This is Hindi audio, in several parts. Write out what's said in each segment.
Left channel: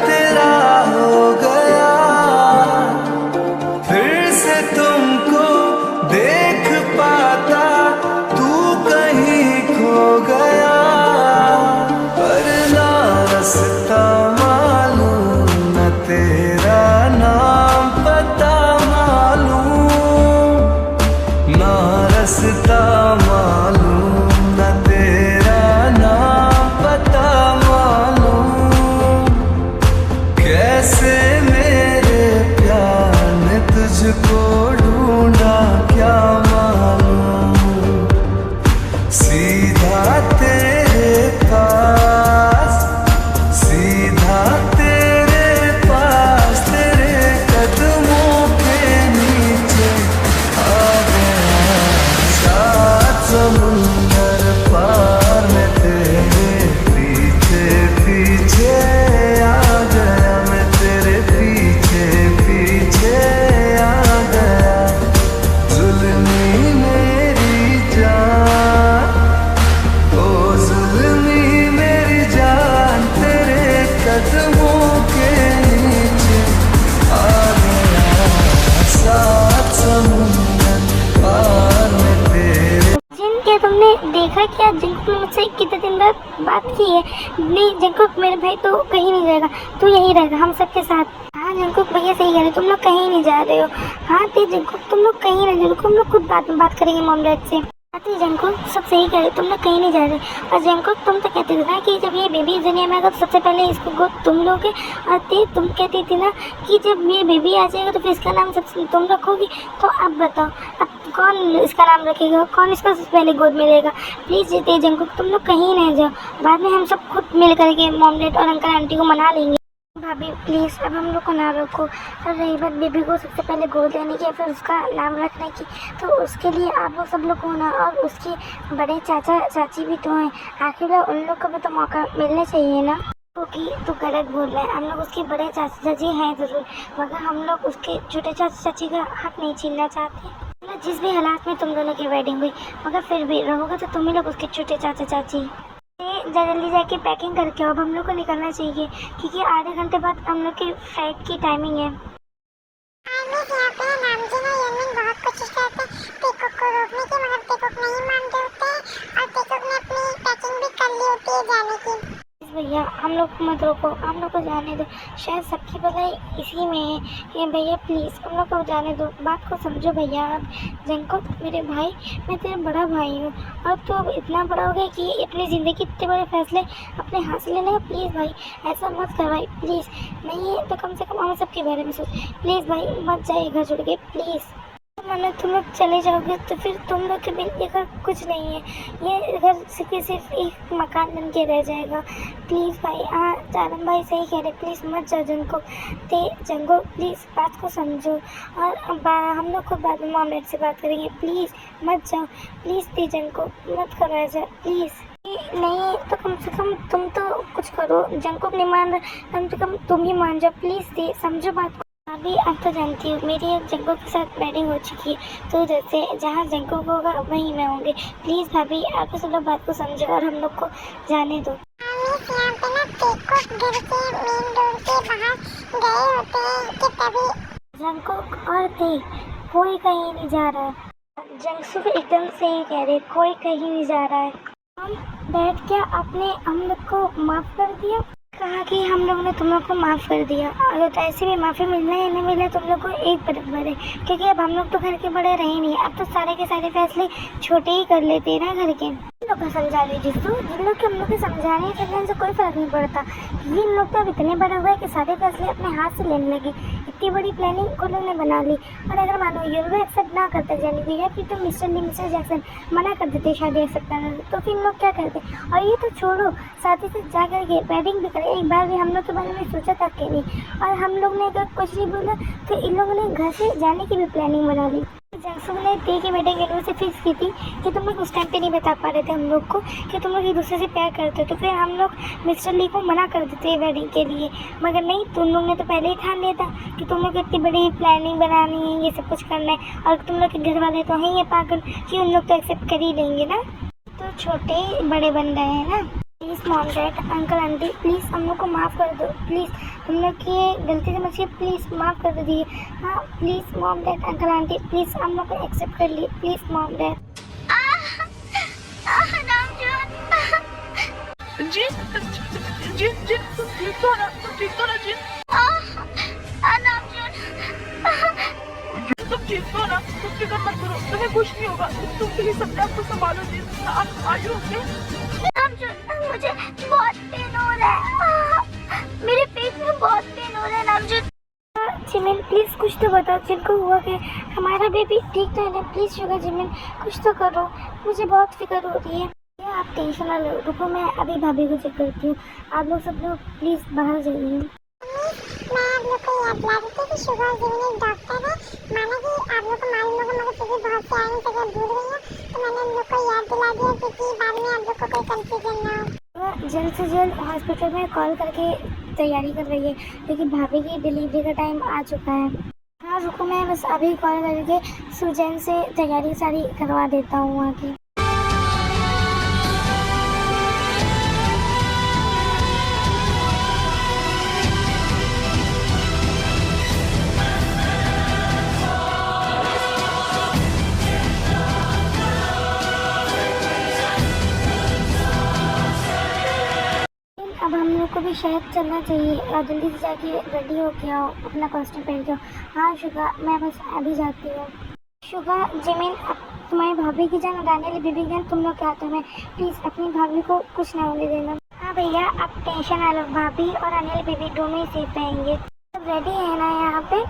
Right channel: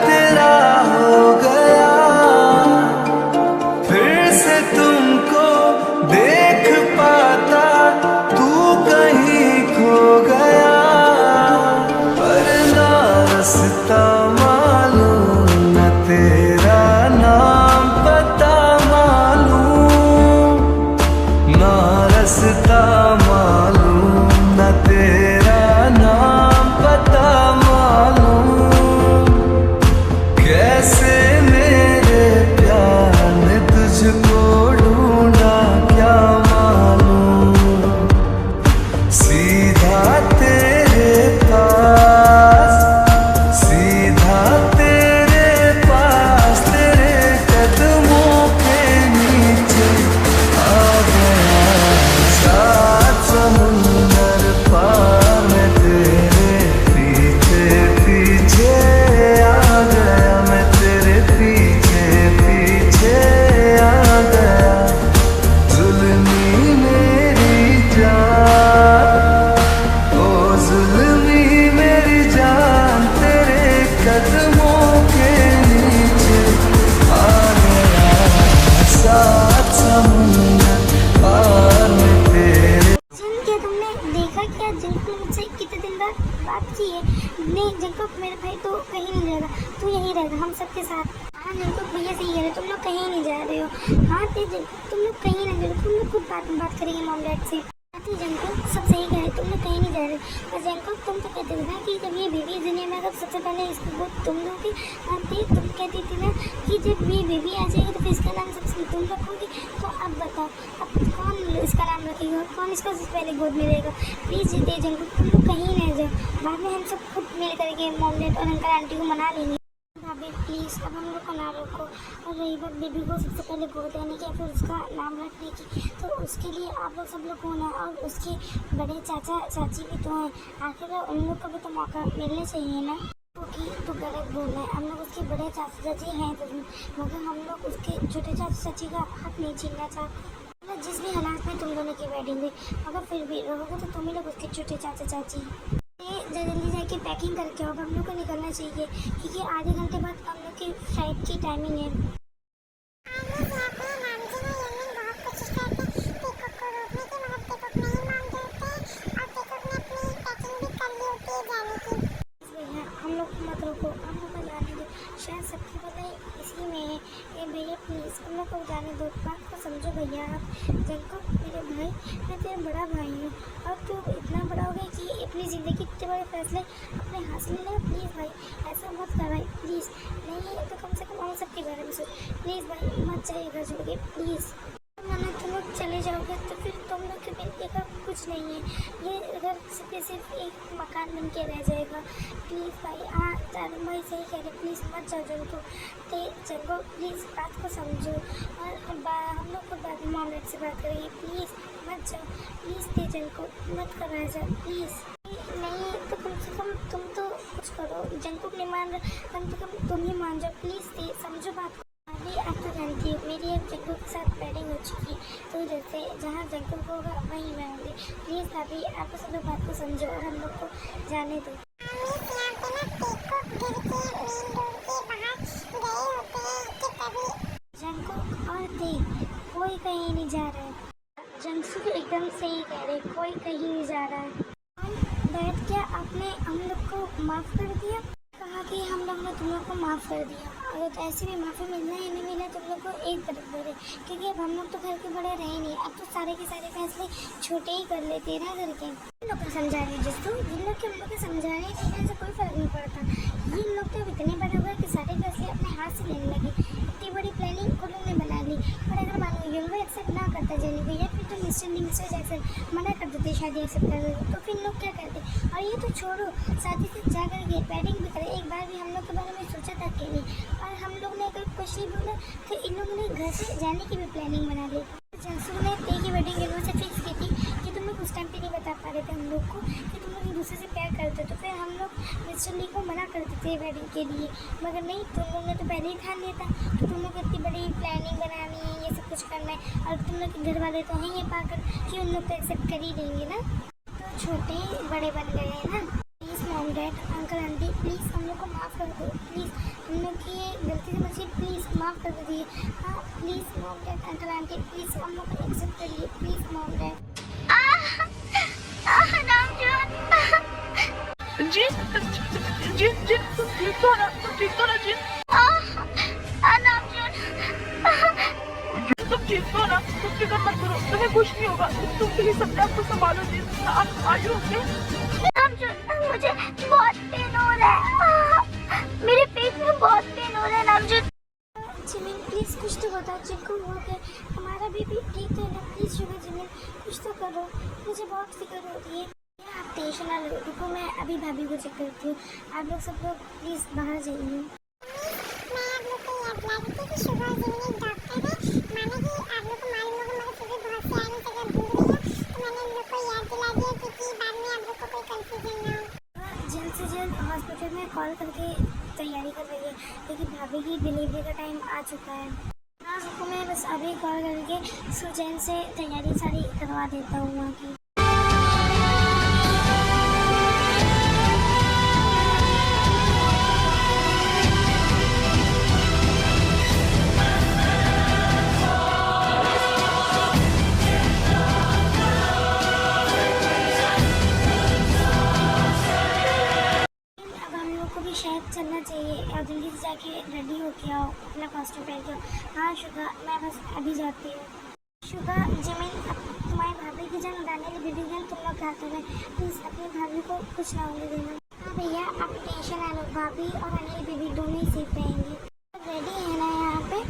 तेरा हो गया, फिर से तुमको देख पाता, तू कहीं खो गया। पर ना रास्ता मालूम, न तेरा नाम पता मालूम, ना रास्ता मालूम, न तेरा नाम पता मालूम। कैसे मेरे प्यार ने तुझको ढूंढा क्या मालूम, सीधा तेरे पास, सीधा तेरे पास, तेरे कदमों के नीचे आ गया। सात समुंदर पार में तेरे पीछे पीछे आ गया, मैं तेरे पीछे पीछे आ गया। जुल्मी मेरी जान, ओ जुल्मी मेरी जान, तेरे कदमों के नीचे आ गया। सात समुंदर पार में तेरे। क्या तुमने देखा क्या जंकुक ने मुझसे कितने दिन बाद बात की है? नहीं जंकुक, मेरे भाई तो कहीं नहीं रहेगा, तू यहीं रहेगा हम सबके साथ। हाँ जंकुक भैया सही कह रहे, तुम लोग कहीं नहीं जा रहे हो। हाँ ते जंकुक, तुम लोग कहीं नहीं जा रहे हो, तुम लोग खुद बात करेंगे मॉम डैड से। आती जंकुक सब सही कह रहे, तुम लोग कहीं नहीं जा रहे। और जंकुक तुम तो कहते थे ना कि जब ये बेबी दुनिया में आएगा तो सबसे पहले इसको गोद तुम लोगे। और ते तुम कहती थी ना कि जब ये बेबी आ जाएगा तो फिर इसका नाम सबसे तुम रखोगी। तो अब बताओ अब कौन इसका नाम रखेगा, कौन इसको सबसे पहले गोद में लेगा? प्लीज़ ते जंकुक तुम लोग कहीं नहीं जाओ, बाद में हम सब खुद मिल करके मॉम डैड और अंकल आंटी को मना लेंगे। भाभी प्लीज़ अब हम लोग को ना रोको। और रही बात बेबी को सबसे पहले गोद लेने की फिर उसका नाम रखने की, तो उसके लिए आप लोग सब लोग होना और उसके बड़े चाचा चाची भी तो हैं, आखिर उन लोग को भी तो मौका मिलना चाहिए ना। क्योंकि तू गलत बोल रहा है, हम लोग उसके बड़े चाचा चाची हैं ज़रूर, मगर हम लोग उसके छोटे चाचा चाची का हक नहीं छीनना चाहते। मतलब जिस भी हालात में तुम दोनों की वेडिंग हुई, मगर फिर भी रहोगे तो तुम ही लोग उसके छोटे चाचा चाची। जल्दी जाके पैकिंग करके अब हम लोग को निकलना चाहिए क्योंकि आधे घंटे बाद हम लोग की फ्लाइट की टाइमिंग है। भैया हम लोग को मत रोको, हम लोग को जाने दो, शायद सबकी भलाई इसी में है। ये भैया प्लीज़ हम लोग को जाने दो, बात को समझो भैया। आप जंकुक मेरे भाई, मैं तेरा बड़ा भाई हूँ और तू अब इतना बड़ा हो गया कि अपनी ज़िंदगी के इतने बड़े फैसले अपने हाथ से लेने का। प्लीज़ भाई ऐसा मत कर भाई, प्लीज़। नहीं है तो कम से कम हम सबके बारे में सोच, प्लीज़ भाई मत जाइए घर छोड़ के प्लीज़। मानो तुम लोग चले जाओगे तो फिर तुम लोग के बिल घर कुछ नहीं है, ये घर सिर्फ एक मकान बन के रह जाएगा। प्लीज़ भाई। हाँ चारम भाई सही कह रहे, प्लीज़ मत जाओ जंकुक। ते जंकुक प्लीज़ बात को समझो और हम लोग को बाद में मॉम डैड से बात करेंगे। प्लीज़ मत जाओ, प्लीज़ ते जंकुक मत करो ऐसा प्लीज़। नहीं तो कम से कम तुम तो कुछ करो, जंकुक नहीं मान रहा, कम से कम तुम ही मान जाओ प्लीज़। ते समझो बात को। अभी अब तो जानती हूँ मेरी एक जंकुक के साथ वेडिंग हो चुकी है, तो जैसे जहाँ जंकुक होगा वहीं मैं होंगी। प्लीज़ भाभी आप सब लोग बात को समझो और हम लोग को जाने दो। जंकुक और ते कोई कहीं नहीं जा रहा है। जंकुक एकदम सही कह रहे, कोई कहीं नहीं जा रहा है। हम बैठ क्या आपने हम लोग को माफ़ कर दिया, कहा कि हम लोग ने तुम लोग को माफ़ कर दिया। अगर तो ऐसे भी माफ़ी मिलना है नहीं मिले तुम लोग को एक बराबर है, क्योंकि अब हम लोग तो घर के बड़े रहे नहीं, अब तो सारे के सारे फैसले छोटे ही कर लेते हैं ना घर के। इन लोग को समझा रही जिन लोग के हम लोग को समझा रहे हैं करने से कोई फ़र्क नहीं पड़ता। ये लोग तो अब इतने बड़े हुए कि सारे फैसले अपने हाथ से लेने लगे। इतनी बड़ी प्लानिंग उन लोग ने बना ली, और अगर मानो ये लोग एक्सेप्ट ना करते जाने को, या फिर तो मिस्टर जैक्सन मना कर देते शादी एक्सेप्ट करने से, तो फिर इन लोग क्या करते? और ये तो छोड़ो, साथ ही साथ जा करके वेडिंग भी करें। एक बार भी हम लोग के बारे में सोचा तक के नहीं, और हम लोग ने अगर कुछ नहीं बोला तो इन लोगों ने घर से जाने की भी प्लानिंग बना ली। जंक्शन ने ते की वेडिंग इन से फिक्स की थी कि तुम लोग उस टाइम पे नहीं बता पा रहे थे हम लोग को कि तुम लोग एक दूसरे से प्यार करते, तो फिर हम लोग मिस्टर ली को मना कर देते वेडिंग के लिए। मगर नहीं, तुम लोग ने तो पहले ही ठान लिया था कि तुम लोग इतनी बड़ी प्लानिंग बनानी है, ये सब कुछ करना है, और तुम लोग के घर वाले तो हैं ये पागल कि उन लोग तो एक्सेप्ट कर ही लेंगे ना। तो छोटे बड़े बन रहे हैं ना। Please mom dad uncle aunty please हम लोग को माफ़ कर दो प्लीज़, हम लोग की ये गलती समझिए प्लीज़ माफ़ कर दीजिए। हाँ please mom dad uncle aunty please हम लोग को एक्सेप्ट कर लिए प्लीज़ मॉम डैड। जी जी जी तुम ठीक तो ना, तुम ठीक तो ना जी, तुम ठीक तो ना, तुम फिक्र मत करो, तुम्हें कुछ नहीं होगा, तुम प्लीज अपने आप को संभालो जी, आप आयु ओके। मुझे बहुत पेन हो रहा है, मेरे पेट में बहुत पेन हो रहा है नामजद। जिमिन प्लीज़ कुछ तो बताओ जिनको हुआ क्या, हमारा बेबी ठीक तो है ना, प्लीज़ शुगर जिमिन कुछ तो करो, मुझे बहुत फिक्र हो रही है। आप टेंशन ना लो, रुको मैं अभी भाभी को चेक करती हूँ, आप लोग सब लोग प्लीज़ बाहर जाइए। मैं आप लोग को याद दिला देती हूँ कि शुगर जिमिन एक डॉक्टर है। माना कि आप लोग को मालूम होगा मगर फिर भी बहुत से आने जगह भूल गई है, तो मैंने उन लोग को याद दिला दिया क्योंकि बाद में आप लोग को कोई कंफ्यूजन ना हो। जल्द से जल्द हॉस्पिटल में कॉल करके तैयारी कर रही है क्योंकि भाभी की डिलीवरी का टाइम आ चुका है। हाँ रुको मैं बस अभी कॉल करके सुजैन से तैयारी सारी करवा देता हूँ वहाँ की। अब हम लोग को भी शायद चलना चाहिए और जल्दी से जाके रेडी हो के आओ, अपना कॉस्ट्यूम पहन के आओ। हाँ शुगा मैं बस अभी जाती हूँ। शुगा जिमिन अब तुम्हारी भाभी की जान और आने वाली बेबी की जान तुम लोग के हाथों में, प्लीज़ अपनी भाभी को कुछ ना होने देना। हाँ भैया आप टेंशन ना लो, भाभी और आने वाली बेबी दोनों ही सेफ रहेंगे। सब रेडी है ना यहाँ पे?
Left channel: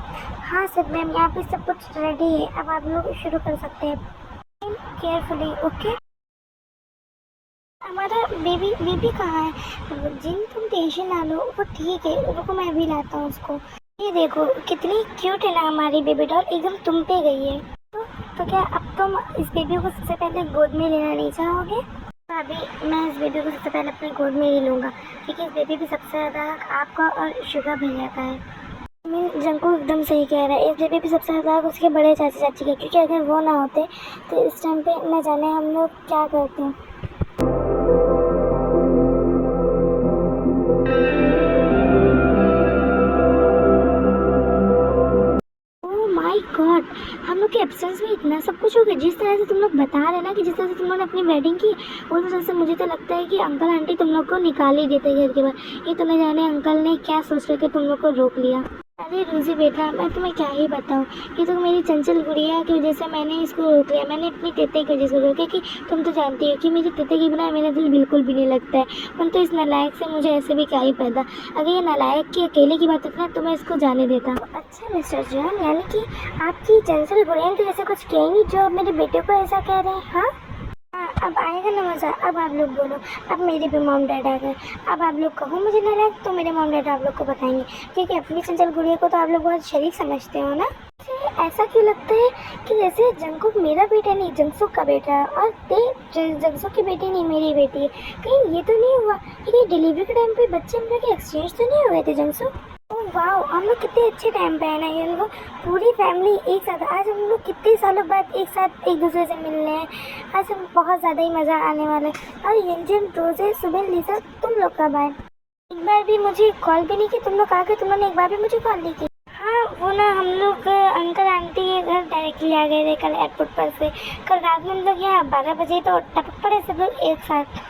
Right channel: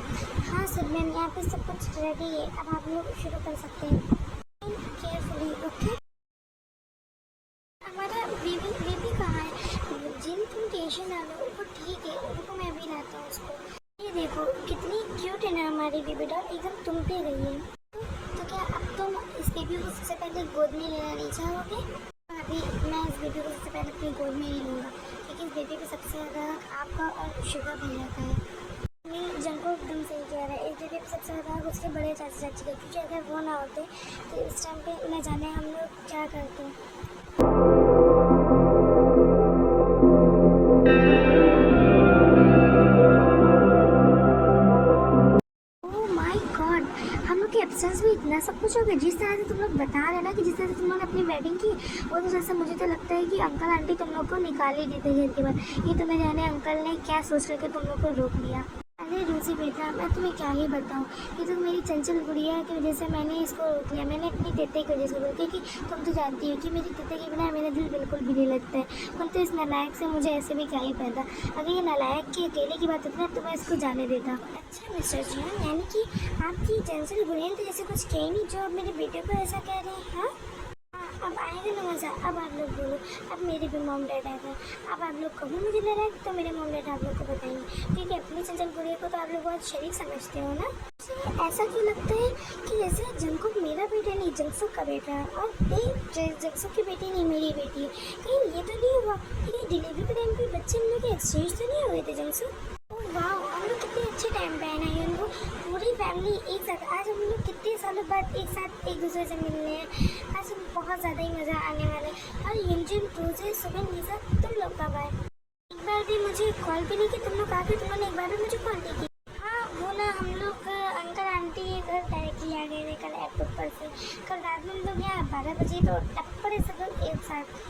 हाँ सर मैम यहाँ पे सब कुछ रेडी है, अब आप लोग शुरू कर सकते हैं केयरफुली ओके। हमारा बेबी कहाँ है? जिन तुम टेंशन ना लो, वो ठीक है, रुको मैं अभी लाता हूँ उसको। ये देखो कितनी क्यूट है ना हमारी बेबी डॉल, एकदम तुम पे गई है। तो क्या अब तुम इस बेबी को सबसे पहले गोद में लेना नहीं चाहोगे? भाभी मैं इस बेबी को सबसे पहले अपनी गोद में ही लूँगा क्योंकि इस बेबी भी सबसे ज़्यादा हक आपका और शुगर भैया का है। मैं जंकू एकदम सही कह रहा है, इस बेबी भी सबसे ज़्यादा हक उसके बड़े चाची चाची का, क्योंकि अगर वो ना होते तो इस टाइम पे न जाने हम लोग क्या करते हैं। गॉड हम लोग के एब्सेंस में इतना सब कुछ हो गया। जिस तरह से तुम लोग बता रहे ना कि जिस तरह से तुम लोग ने अपनी वेडिंग की, वो तरह से मुझे तो लगता है कि अंकल आंटी तुम लोग को निकाल ही देते घर के बाहर। ये तो न जाने अंकल ने क्या सोच करके तुम लोग को रोक लिया। अरे रोजी बेटा मैं तुम्हें क्या ही बताऊँ कि तो मेरी चंचल गुड़िया की वजह से मैंने इसको रोक लिया, मैंने अपनी तेते की वजह से रोका कि तुम तो जानती हो कि मेरी तेते के बिना मेरा दिल बिल्कुल भी नहीं लगता है। पर तो इस नालायक से मुझे ऐसे भी क्या ही पैदा, अगर ये नालायक की अकेले की बात होती ना तो मैं इसको जाने देता। अच्छा मिस्टर जॉन यानी कि आपकी चंचल गुड़िया तो ऐसे कुछ कहेंगी जो अब मेरे बेटे को ऐसा कह रहे हैं? हाँ अब आएगा ना मज़ा। अब आप लोग बोलो, अब मेरे भी मॉम डैड आ गए, अब आप लोग कहो मुझे नाराज तो मेरे मॉम डैड आप लोग को बताएंगे क्योंकि अपनी चंचल गुड़िया को तो आप लोग बहुत शरीफ समझते हो ना। ऐसा क्यों लगता है कि जैसे जंकुक मेरा बेटा नहीं जंगसुक का बेटा है और जंगसुक की बेटी नहीं मेरी बेटी है? कहीं ये तो नहीं हुआ कि कहीं डिलीवरी के टाइम पे बच्चे हम लोग के एक्सचेंज तो नहीं हुए थे जंगसुक? वाह हम लोग कितने अच्छे टाइम पे आए ना, ये लोग पूरी फैमिली एक साथ। आज हम लोग कितने सालों बाद एक साथ एक दूसरे से मिल रहे हैं, आज बहुत ज़्यादा ही मज़ा आने वाला है। और यंजन रोजे सुबह लिसा तुम लोग कब आए? एक बार भी मुझे कॉल भी नहीं की तुम लोग आके, तुम लोगों ने एक बार भी मुझे कॉल नहीं की। हाँ वो ना हम लोग अंकल आंटी के घर डायरेक्टली आ गए थे कल एयरपोर्ट पर से। कल रात में हम लोग यहाँ 12 बजे तो टपक पड़े सब लोग एक साथ।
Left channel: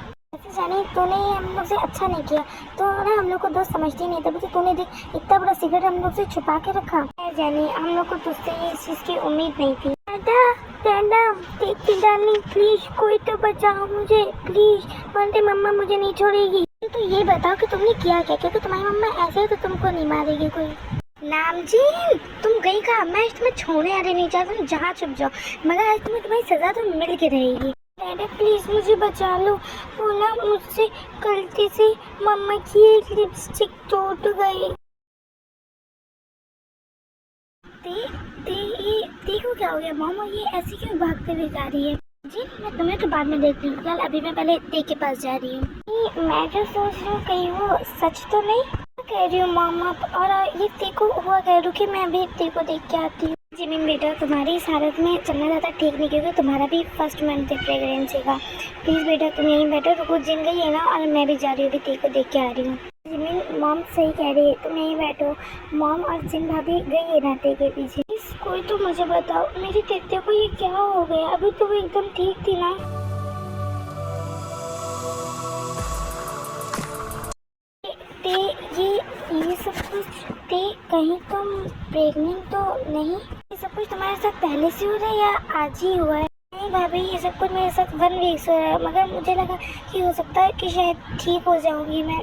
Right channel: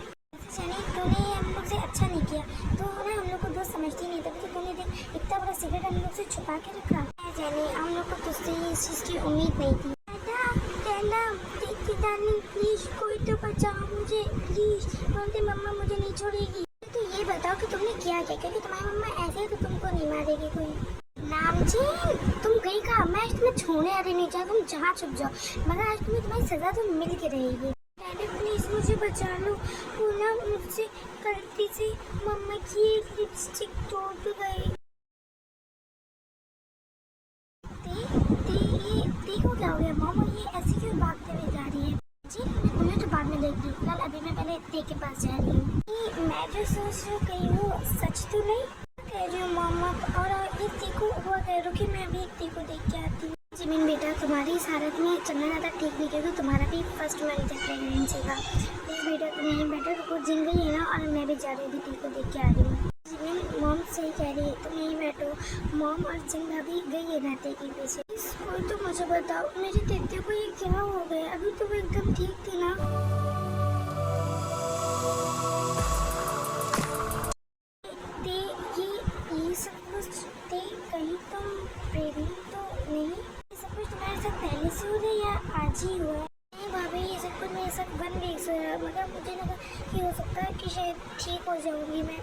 जाने तूने हम लोग से अच्छा नहीं किया तो ना हम लोग को दोस्त समझती नहीं था, क्योंकि तूने देख इतना बड़ा सीक्रेट हम लोग से छुपा के रखा। जानी हम लोग को तुझसे इस चीज़ की उम्मीद नहीं थी। डार्लिंग प्लीज कोई तो बचाओ मुझे प्लीज, वरना मम्मा मुझे नहीं छोड़ेगी। तो ये बताओ कि तुमने किया क्या, क्योंकि तुम्हारी मम्मा ऐसे है तो तुमको नहीं मारेगी कोई। नामजीन तुम गई कहाँ? मैं आज तुम्हें छोड़ने आ रही नहीं चाहती, तुम जहाँ छुप जाओ, मगर आज तुम्हें तुम्हारी सजा तो मिल के रहेगी। डैडी प्लीज मुझे बचा लो, वो ना मुझसे गलती से मम्मा की एक लिपस्टिक टूट गई। देखो क्या हो गया मामा, ये ऐसी क्यों भागते हुए जा रही है? जी मैं तुम्हें तो बाद में देखती हूँ, फिलहाल अभी मैं पहले दी के पास जा रही हूँ। मैं जो सोच रही हूँ कहीं वो सच तो नहीं कह रही हूँ मामा। और ये देखो हुआ क्या, रुकी मैं अभी दी को देख के आती हूँ। जिमिन बेटा, तुम्हारी इस हालत में चलना ज़्यादा ठीक नहीं, क्योंकि तुम्हारा भी फर्स्ट मंथ है प्रेगनेंसी का। प्लीज़ बेटा तुम यहीं बैठो, रुको, जिन गई है ना, और मैं भी जा रही हूँ, अभी को देख के आ रही हूँ। जिमिन, मॉम सही कह रही है, तुम यहीं बैठो। मॉम और जिन भाभी गई है नाते के पीछे। प्लीज़ कोई तो मुझे बताओ, मेरी तेते को ये क्या हो गया? अभी तो वो एकदम ठीक थी ना। ते ये सब कुछ, ते कहीं तुम प्रेग्नेंट तो नहीं? ये सब कुछ तुम्हारे साथ पहले से हो रहा है या आज ही हुआ है? नहीं भाभी, ये सब कुछ मेरे साथ 1 वीक से हो रहा है, मगर मुझे लगा कि हो सकता है कि शायद ठीक हो जाऊंगी मैं।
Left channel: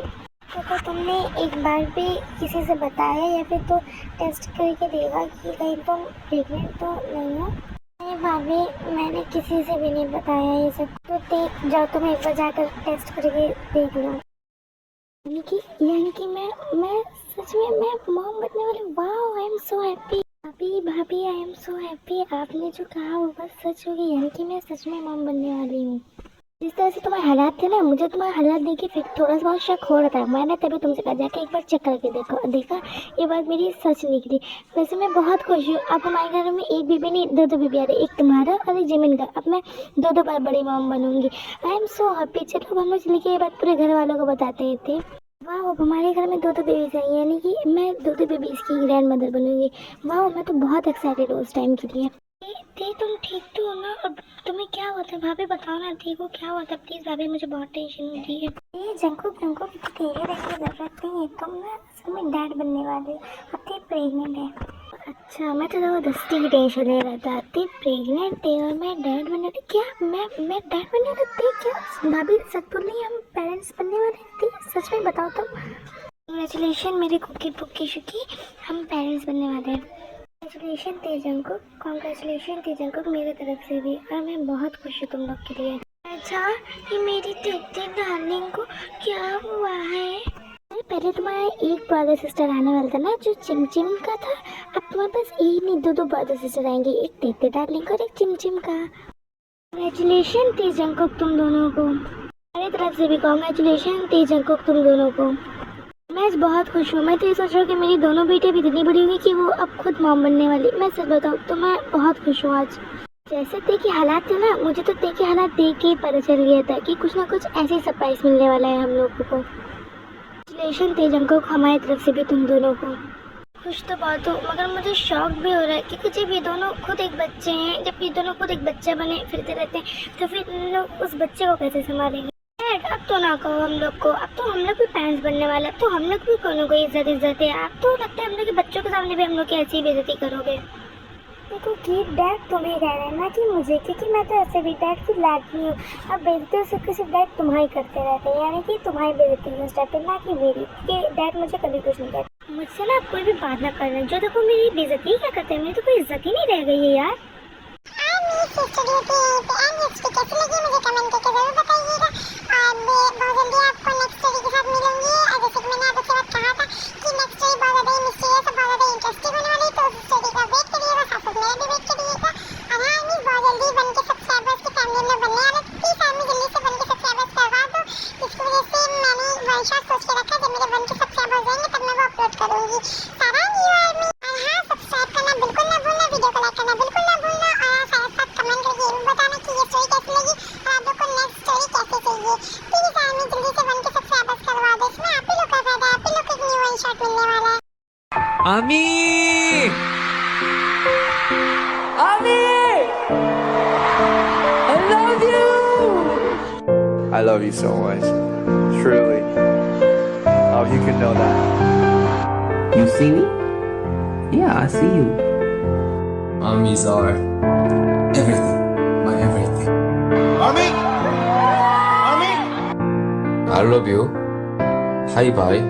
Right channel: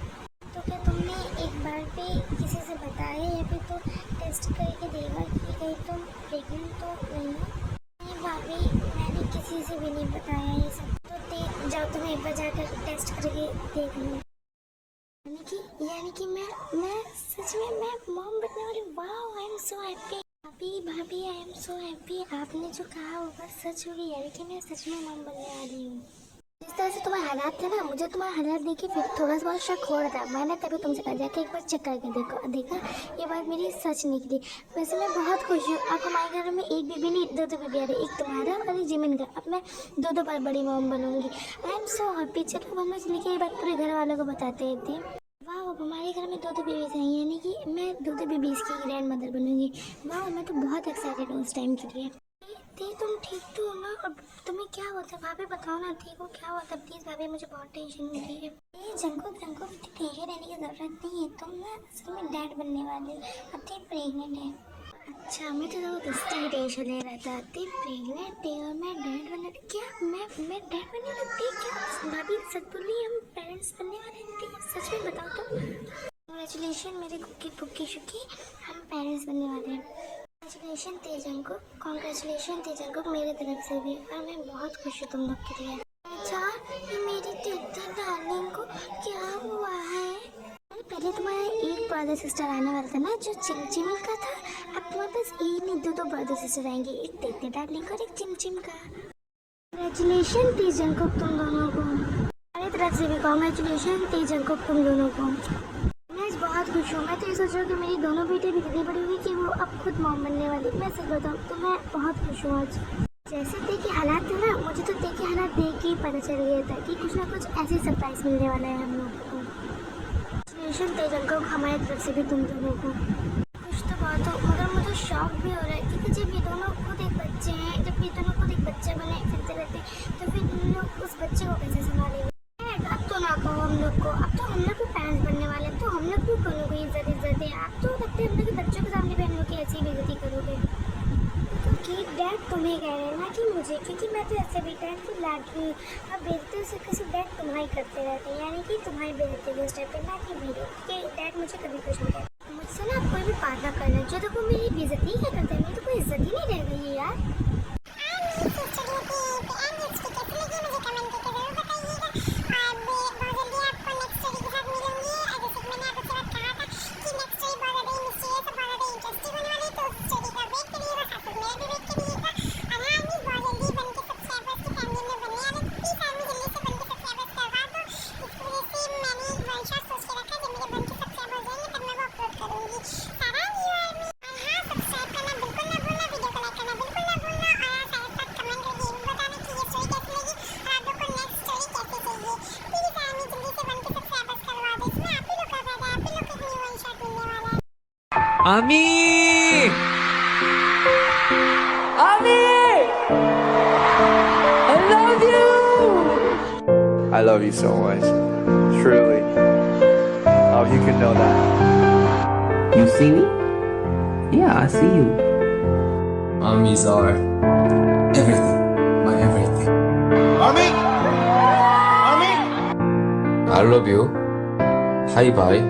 तो क्या तुमने एक बार भी किसी से बताया या फिर तो टेस्ट करके देखा कि कहीं तुम प्रेग्नेंट तो नहीं हो? नहीं भाभी, मैंने किसी से भी नहीं बताया ये सब। तो जाओ तुम एक बार जाकर टेस्ट करके देख लो। यानी कि मैं सच में मैं मॉम बनने वाली। Wow, I am so happy. भाभी आई एम सो हैप्पी। आपने जो कहा वो बस सच होगी, यानी कि मैं सच में मॉम बनने वाली हूँ। जिस तरह से तुम्हारे हालात थे ना, मुझे तुम्हारे हालात देख के फिर थोड़ा सा शक हो रहा था। मैंने तभी तुमसे कहा जाके एक बार चेक करके देखा ये बात मेरी सच निकली। वैसे मैं बहुत खुश हूँ। अब हमारे घर में एक बेबी नहीं, 2 बेबी आ रहे, एक तुम्हारा और एक जिमिन का। अब मैं 2 बार बड़ी मॉम बनूंगी। I am so happy. चलो अब हम लोग चल के ये बात पूरे घर वालों को बताते थे। वाह, अब हमारे घर में 2 बेबीज हैं, यानी कि मैं 2 बेबीज की ग्रैंड मदर बनूंगी। वाह, मैं तो बहुत एक्साइटेड हूँ उस टाइम के लिए। ते तुम ठीक तो हो ना? और तुम्हें क्या होता है भाभी, बताओ ना, ठीक हो? क्या होता है प्लीज़ भाभी, मुझे बहुत टेंशन होती है। ये जंकुक तेरे रहने की ज़रूरत नहीं है, तुम ना असल में डैड बनने वाले हो। अब ते प्रेगनेंट है। अच्छा, मैं तो ज़बरदस्ती की टेंशन ले रहा था। ते प्रेगनेंट है और मैं डैड बनने वाली। क्या मैं डैड बनने वाली थी? क्या भाभी सच बोल रही है? हम पेरेंट्स बनने वाले थे? सच में बताओ तुम। कंग्रेचुलेशन मेरे कुकी पुक्की शुकी, हम पेरेंट्स बनने वाले हैं। कंग्रेचुलेशन तेजन को मेरे तरफ से भी, और मैं बहुत खुश हूँ तुम लोग के लिए। अच्छा, ये मेरी तेते डार्लिंग को क्या हुआ है? पहले तुम्हारा एक ब्रदर सिस्टर आने वाला था ना, जो चिमचिम का था। अब तुम्हारे पास एक नहीं 2 ब्रदर सिस्टर आएंगे, एक तेते डार्लिंग और एक चिमचिम का। कंग्रेचुलेशन तेजन को तुम दोनों को, मेरी तरफ से भी कंग्रेचुलेशन तेजन को तुम दोनों को। मैं आज बहुत खुश हूँ। मैं तो ये सोच रहा हूँ कि मेरी दोनों बेटे भी इतनी बड़ी होंगी कि वो अब खुद मॉम बनने वाली। मैं सच बताऊँ तो मैं बहुत खुश हूँ आज। जैसे ते के हालात थे ना, मुझे तो ते के हालात देख के ही पता चल गया था कि कुछ ना कुछ ऐसे सरप्राइज मिलने वाला है हम लोगों को। कंग्रेचुलेशन तेजन को हमारी तरफ से भी तुम दोनों को। खुश तो बहुत हूँ, मगर मुझे शौक भी हो रहा है, क्योंकि जब ये दोनों खुद एक बच्चे हैं, जब ये दोनों खुद एक बच्चा बने फिरते रहते हैं, तो फिर इन लोग उस बच्चे को कैसे संभालेंगे? अब तो ना कहो हम लोग को, अब तो हम लोग भी पेरेंट्स बनने वाले, अब तो हम लोग भी कोनो को इज्जत है। अब तो लगता है हम लोग के बच्चों के सामने भी हम लोग की ऐसी बेइज्जती करोगे। देखो कि डैड तुम्हें कह रहे हैं ना कि मुझे, क्योंकि मैं तो ऐसे भी डैड की लड़की हूँ। अब बेइज्जती से किसी डैड तुम्हारी करते रहते हैं, यानी कि तुम्हारी बेइज्जती है उस टाइप पे, ना कि मेरी, क्योंकि डैड मुझे कभी कुछ नहीं कहते। मुझसे ना कोई भी बात ना करना, जो देखो मेरी बेइज्जती क्या करते हैं, मेरी तो कोई इज्जत ही नहीं रह गई है यार। Ami! Ami! I love you! I love you so much. Truly. Oh, you can know that. You see me? Yeah, I see you. Mommies are everything. My everything. Mommy! Mommy! I love you. Hi bye.